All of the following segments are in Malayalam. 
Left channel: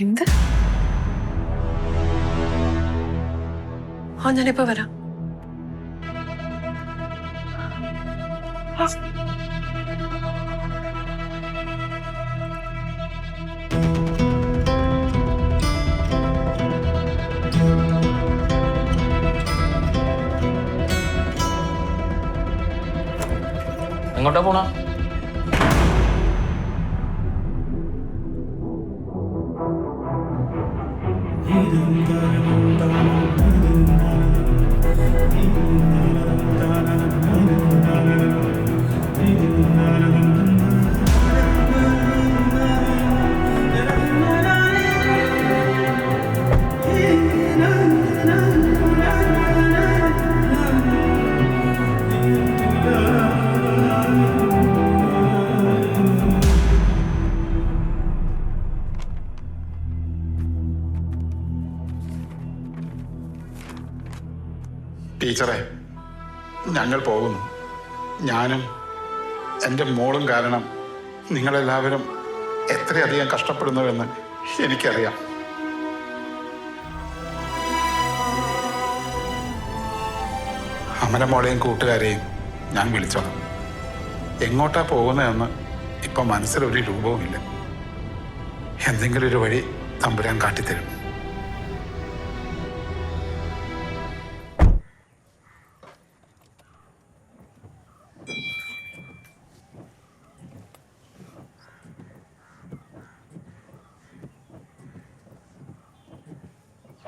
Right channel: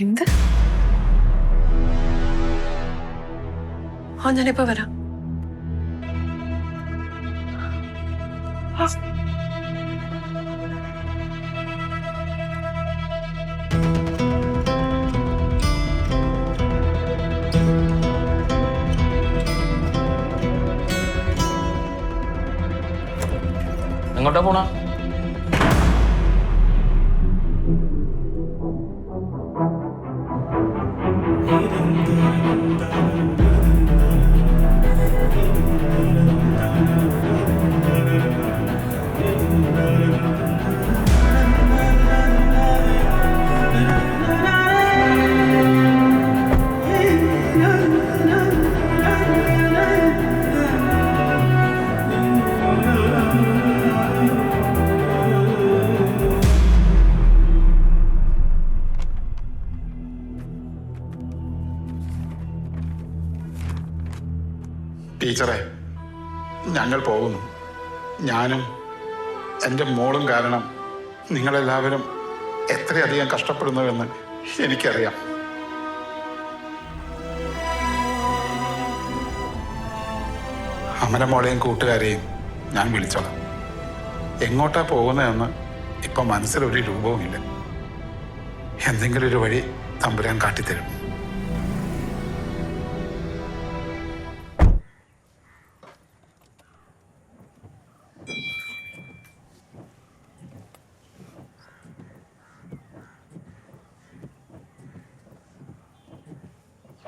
എന്ത്? ഞാനിപ്പോ വരാം. എങ്ങോട്ടാ പോണ? ടീച്ചറെ, ഞങ്ങൾ പോകുന്നു. ഞാനും എൻ്റെ മോളും കാരണം നിങ്ങളെല്ലാവരും എത്രയധികം കഷ്ടപ്പെടുന്നുവെന്ന് എനിക്കറിയാം. അമലമോളെയും കൂട്ടുകാരെയും ഞാൻ വിളിച്ചോളാം. എങ്ങോട്ടാ പോകുന്നതെന്ന് ഇപ്പം മനസ്സിലൊരു രൂപവുമില്ല. എന്തെങ്കിലും ഒരു വഴി തമ്പുരാൻ കാട്ടിത്തരും.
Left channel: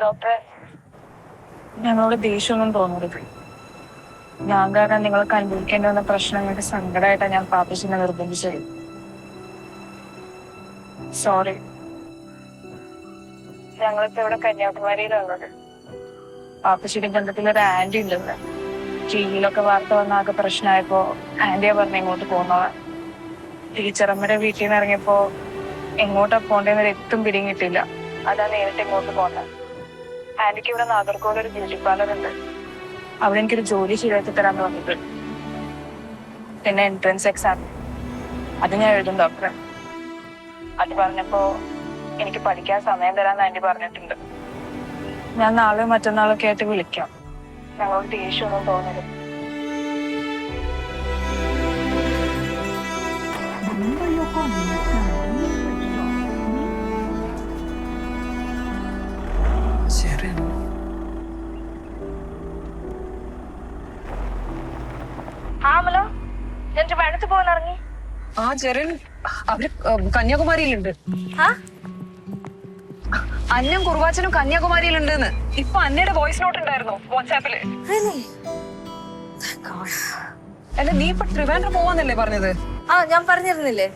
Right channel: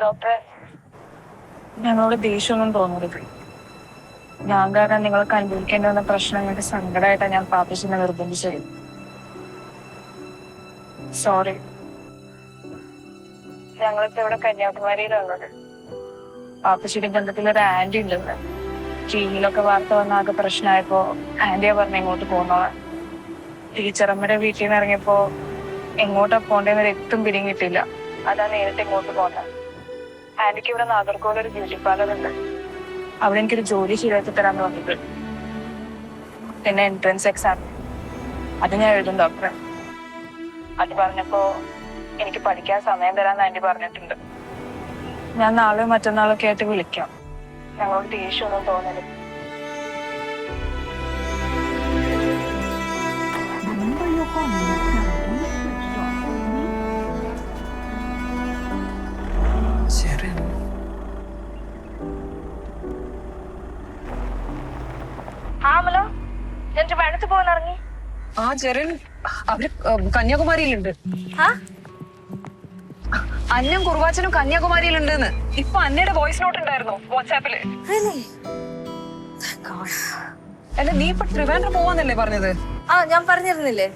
ഡോക്ടറെ, ഞങ്ങളോട് ദേഷ്യമൊന്നും തോന്നരുത്. ഞാൻ കാരണം നിങ്ങൾക്ക് അനുഭവിക്കേണ്ടി വന്ന പ്രശ്നങ്ങൾക്ക് സങ്കടമായിട്ടാണ് ഞാൻ പാപ്പച്ചിനെ നിർബന്ധിച്ചത്. സോറി. ഞങ്ങളിപ്പോ ഇവിടെ കന്യാകുമാരിയിലുള്ളത്. പാപ്പച്ചിയുടെ ബന്ധത്തിലൊരു ആന്റി ഉണ്ടെന്ന് ടിവിയിലൊക്കെ വാർത്ത വന്ന ആകെ പ്രശ്നമായപ്പോ ആന്റിയാ പറഞ്ഞ ഇങ്ങോട്ട് പോകുന്നതാ. ടീച്ചറമ്മയുടെ വീട്ടിൽ നിന്ന് ഇറങ്ങിയപ്പോ എങ്ങോട്ടാ പോണ്ടേന്നൊരു എത്തും പിടിയും കിട്ടില്ല. അതാ നേരിട്ട് ഇങ്ങോട്ട് പോകുന്നത്. ആന്റിക്ക് ഇവിടെ നാഗർകോവിൽ ഒരു ബ്യൂട്ടി പാർലർ ഉണ്ട്. അവിടെ എനിക്കൊരു ജോലി ശരിയാക്കി തരാന്ന് പറഞ്ഞിട്ട്. പിന്നെ എൻട്രൻസ് എക്സാം അത് ഞാൻ എഴുതും ഡോക്ടറെ. അത് പറഞ്ഞപ്പോ എനിക്ക് പഠിക്കാൻ സമയം തരാന്ന് ആന്റി പറഞ്ഞിട്ടുണ്ട്. ഞാൻ നാളെയോ മറ്റന്നാളൊക്കെ ആയിട്ട് വിളിക്കാം. ഞങ്ങളോട് ദേഷ്യമൊന്നും തോന്നരുത്. ഇറങ്ങി ജെറിൻ അവര് കന്യാകുമാരിയിലുണ്ട്. അന്നം കുർവാച്ചനും കന്യാകുമാരിയിലുണ്ടെന്ന് ഇപ്പൊ അന്നയുടെ വോയിസ് നോട്ട് ഉണ്ടായിരുന്നു വാട്സാപ്പില്. അല്ല, നീ ഇപ്പൊ ട്രിവാൻഡ്രം പോവാന്നല്ലേ പറഞ്ഞത്? ഞാൻ പറഞ്ഞിരുന്നില്ലേ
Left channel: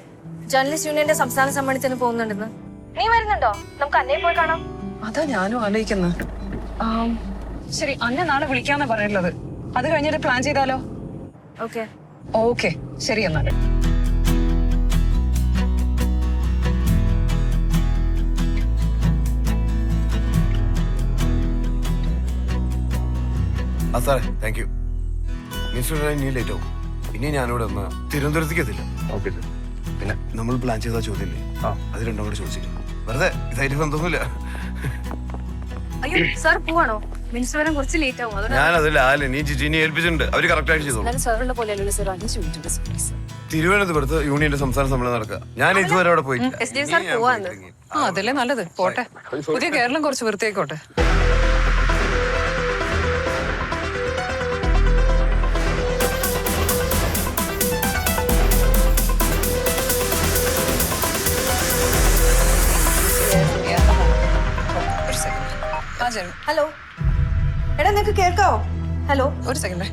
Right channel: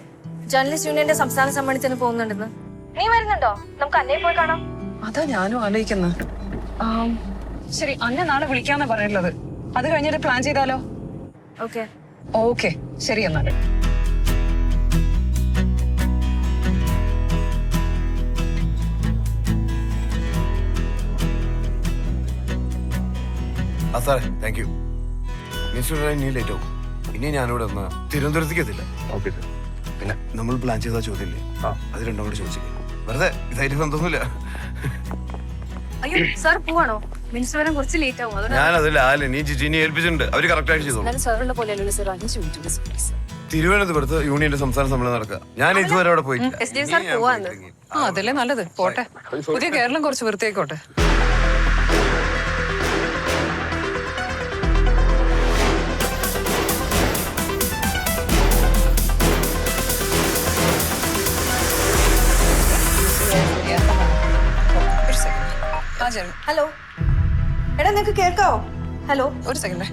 ജേർണലിസ്റ്റ് യൂണിയന്റെ സംസ്ഥാന സമ്മേളനത്തിന് പോകുന്നുണ്ടെന്ന്. നീ വരുന്നുണ്ടോ? നമുക്ക് അന്നയെ പോയി കാണാം. അതാ ഞാനും ആലോചിക്കുന്നത്. ശരി, അന്നെ നാളെ വിളിക്കാന്നാ പറഞ്ഞിട്ടുള്ളത്. അത് കഴിഞ്ഞിട്ട് പ്ലാൻ ചെയ്താലോ? ഓക്കെ ഓക്കെ, ശരി എന്നാല്. സാറേ, താങ്ക് യു. ഇനി ലേറ്റ് ആവും. ഇനി ഞാനിവിടെ ഒന്ന് തിരുവനന്തപുരത്തേക്ക് എത്തില്ല. Okay sir. പിന്നെ നമ്മൾ പ്ലാൻ ചെയ്ത ചോദ്യമില്ലേ, അത് രണ്ടും കൂടെ ചോദിച്ചില്ലേ, വെറുതെ ഇതായിട്ട് ബന്ധമൊന്നുമില്ല. അയ്യോ സാർ പോവാണോ? മിനിസ്റ്റർ വരാൻ കുറച്ച് ലേറ്റ് ആവും. ഞാനതില്ല, നീ ജിജിനെ ഏൽപ്പിച്ചിട്ടുണ്ട്. അവര് കറക്റ്റ് ആയിട്ട് ചെയ്തോളൂ. സാറുള്ള പോലെയല്ലോ സാർ. 5 മിനിറ്റ് തിരുവനന്തപുരത്ത് യൂണിയന്റെ സംസ്ഥാന സമ്മേളനം നടക്കുക. ഞാൻ ഇതുവരെ അവിടെ പോയിട്ടില്ല. അതല്ലേ നല്ലത്. പോട്ടെ, പുതിയ കേരളം കുറച്ച് വൃത്തിയായിക്കോട്ടെ. ഹലോ എടാ, നിനക്ക് കേൾക്കാവോ? ഹലോ, ഒരു second.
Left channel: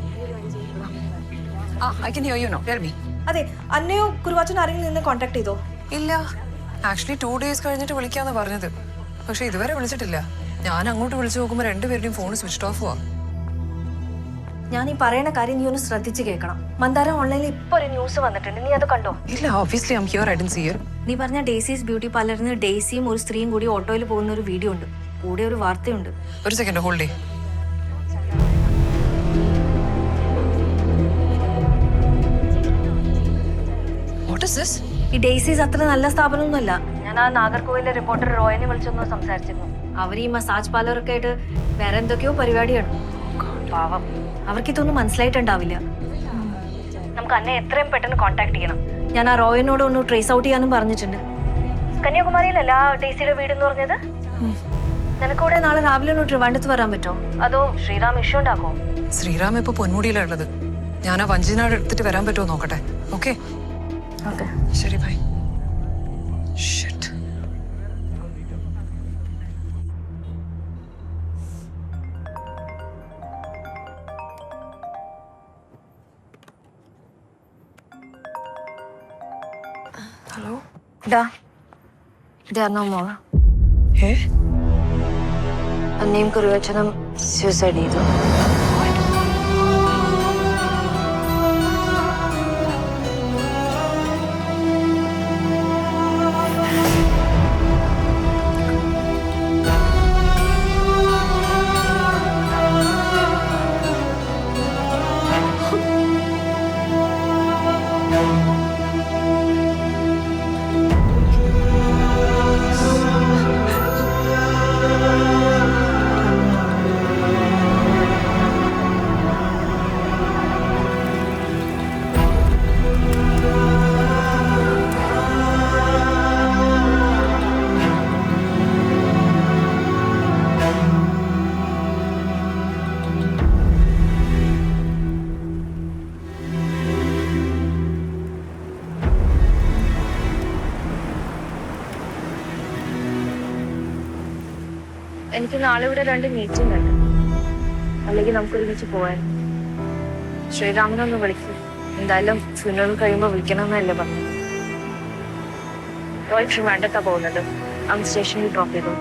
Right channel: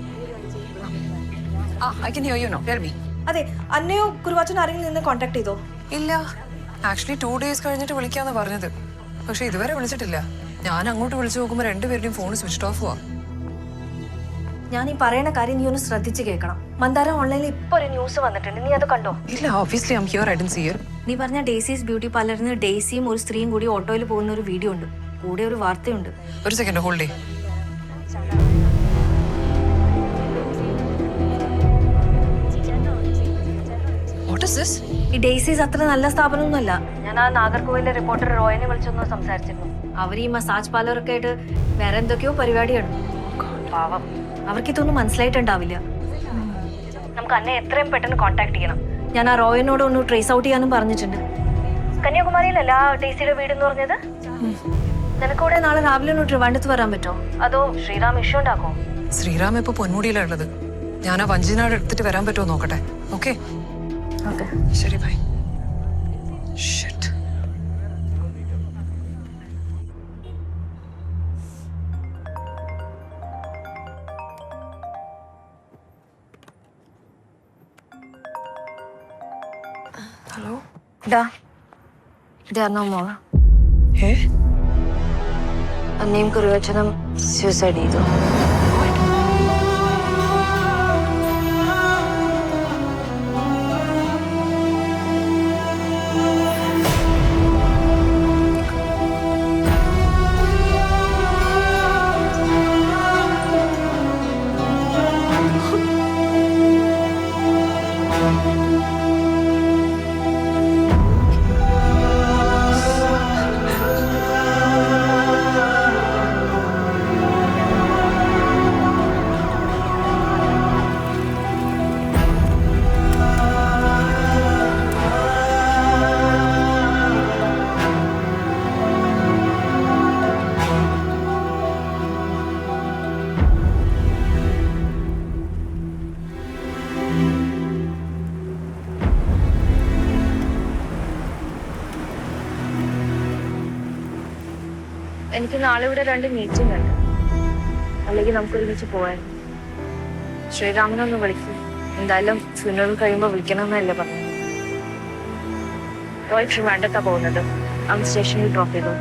I can hear you now. Tell me. അതെ, അന്നയോ കുരുവാച്ചനോ ആരെങ്കിലും നിന്ന് കോൺടാക്ട് ചെയ്തോ? ഇല്ല, ആക്ച്വലി 2 days കഴിഞ്ഞിട്ട് വിളിക്കാന്ന് പറഞ്ഞത്. പക്ഷെ ഇതുവരെ വിളിച്ചിട്ടില്ല. ഞാൻ അങ്ങോട്ട് വിളിച്ചു നോക്കുമ്പോ രണ്ടുപേരുടെയും ഫോൺ സ്വിച്ച് ഓഫ് ആവാ. ഞാൻ ഈ പറയുന്ന കാര്യം നീ ഒന്ന് ശ്രദ്ധിച്ച് കേൾക്കണം. മന്ദാര ഓൺലൈനിൽ ഇപ്പൊ ഒരു ന്യൂസ് വന്നിട്ടുണ്ട്. നീ അത് കണ്ടോ? ഇല്ല, obviously I'm here. I didn't see it. നീ പറഞ്ഞ ഡേസീസ് ബ്യൂട്ടി പാർലറിൽ നിന്ന് ഡേസിയും ഒരു സ്ത്രീയും കൂടി ഓട്ടോയിൽ പോകുന്ന ഒരു വീഡിയോ ഉണ്ട്. കൂടെ ഒരു വാർത്തയുണ്ട്. ഒരു സെക്കൻഡ്, ഹോൾഡ് ചെയ്യ്. What is this? ഈ ഡെയ്സീസ് അത്ര നല്ല സ്ഥാപനമൊന്നുമല്ല. ഞാൻ ആ നാഗർകോവിലെ റിപ്പോർട്ടർ റോയനെ വിളിച്ചൊന്ന് സംസാരിച്ചിരുന്നു. അവർ ഈ മസാജ് പാർലറൊക്കെ ആയിട്ട് വേറെ എന്തൊക്കെയോ പരിപാടിയാണ്. പാവം, അവർക്കിതൊന്നും മനസ്സിലായിട്ടുണ്ടാവില്ല. നമുക്ക് അന്നെ എത്രയും പെട്ടെന്ന് കോൺടാക്ട് ചെയ്യണം. ഞാൻ ആ റോയനോട് ഒന്ന് ട്രേസ് ഔട്ട് ചെയ്യാനും പറഞ്ഞിട്ടുണ്ട്. കന്യാകുമാരിയിലല്ല ഡെയ്സിയുടെ വീട് എന്ന് പറഞ്ഞത്. നിനക്കൂടെ നാളെ രാവിലെ ഒന്ന് ട്രിവാൻഡ്രത്ത് വരാൻ പറ്റുമോ? അതോ ശ്രീറാം ഇഷ്യൂ ഉണ്ടാക്കോ? ശ്രീറാം ഇപ്പൊ പൊന്മുടിയിലാണ് ഉള്ളത്. ഞാൻ ആ വഞ്ചിനാട് എടുത്തിട്ട് വരാൻ പറ്റുമോ നോക്കട്ടെ. ഓക്കെ ഓക്കെ, ശരി, ബൈ. ഷിറ്റ്. ഹലോ, ഡാ ഇതായിരുന്നോ മോള്? ഏ അന്നയും കുറുവച്ചനും സൂസൈഡ് ചെയ്തു. എനിക്ക് നാളെ ഇവിടെ 2 മീറ്റിംഗ് ഉണ്ട്. അല്ലെങ്കിൽ നമുക്ക് ഒരുമിച്ച് പോവാൻ. ശ്രീരാമനൊന്ന് വിളിക്കും. എന്തായാലും ഫ്യൂണറൽ കഴിയുമ്പോൾ വിളിക്കണമെന്നല്ലേ പറഞ്ഞു. റോയ് ട്രിവാൻഡ്രത്താ പോകുന്നത്. അവൻ സ്റ്റേഷനിൽ ഡ്രോപ്പ് ചെയ്തു.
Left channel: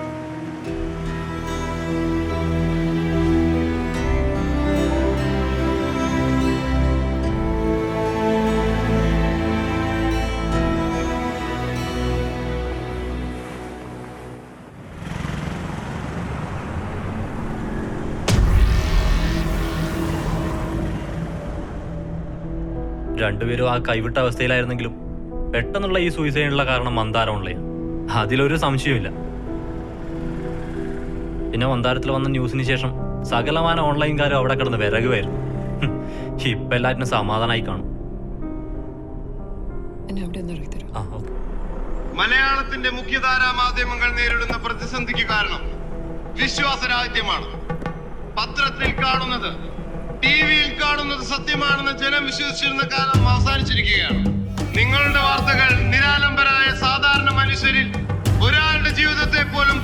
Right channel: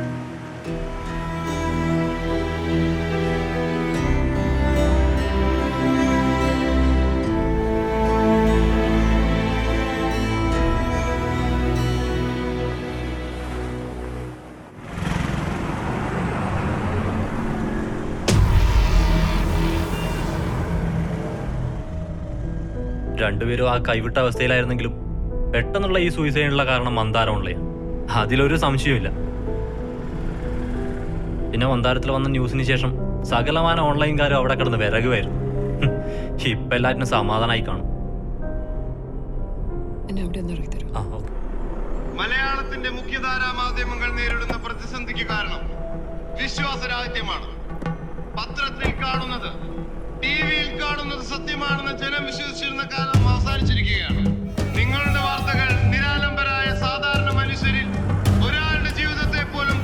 രണ്ടുപേരും ആ കൈവിട്ട അവസ്ഥയിലായിരുന്നെങ്കിലും പെട്ടെന്നുള്ള ഈ സൂയിസൈഡിനുള്ള കാരണം മന്ദാരമുള്ളയാണ്. അതിലൊരു സംശയമില്ല. പിന്നെ മന്ദാരത്തിൽ വന്ന ന്യൂസിന് ശേഷം സകലമാന ഓൺലൈൻകാരും അവിടെ കിടന്ന് വിറകുമായിരുന്നു. ഇപ്പം എല്ലാറ്റിനും സമാധാനമായി കാണും. മലയാളത്തിന്റെ മുഖ്യധാരാ മാധ്യമങ്ങൾ നേരിടുന്ന പ്രതിസന്ധിക്ക് കാരണം വിശ്വാസരാഹിത്യമാണ്. പത്രത്തിൽ കാണുന്നത്, ടിവിയിൽ കാണുന്നത് സത്യമാണെന്ന് ജനം വിശ്വസിച്ചിരുന്ന കാലം അവസാനിച്ചിരിക്കുകയാണ്. നിങ്ങളുടെ വാർത്തകൾ നിരാലംബരായ സാധാരണ മനുഷ്യരിൽ ഒരാളുടെ ജീവിതത്തെ പോലും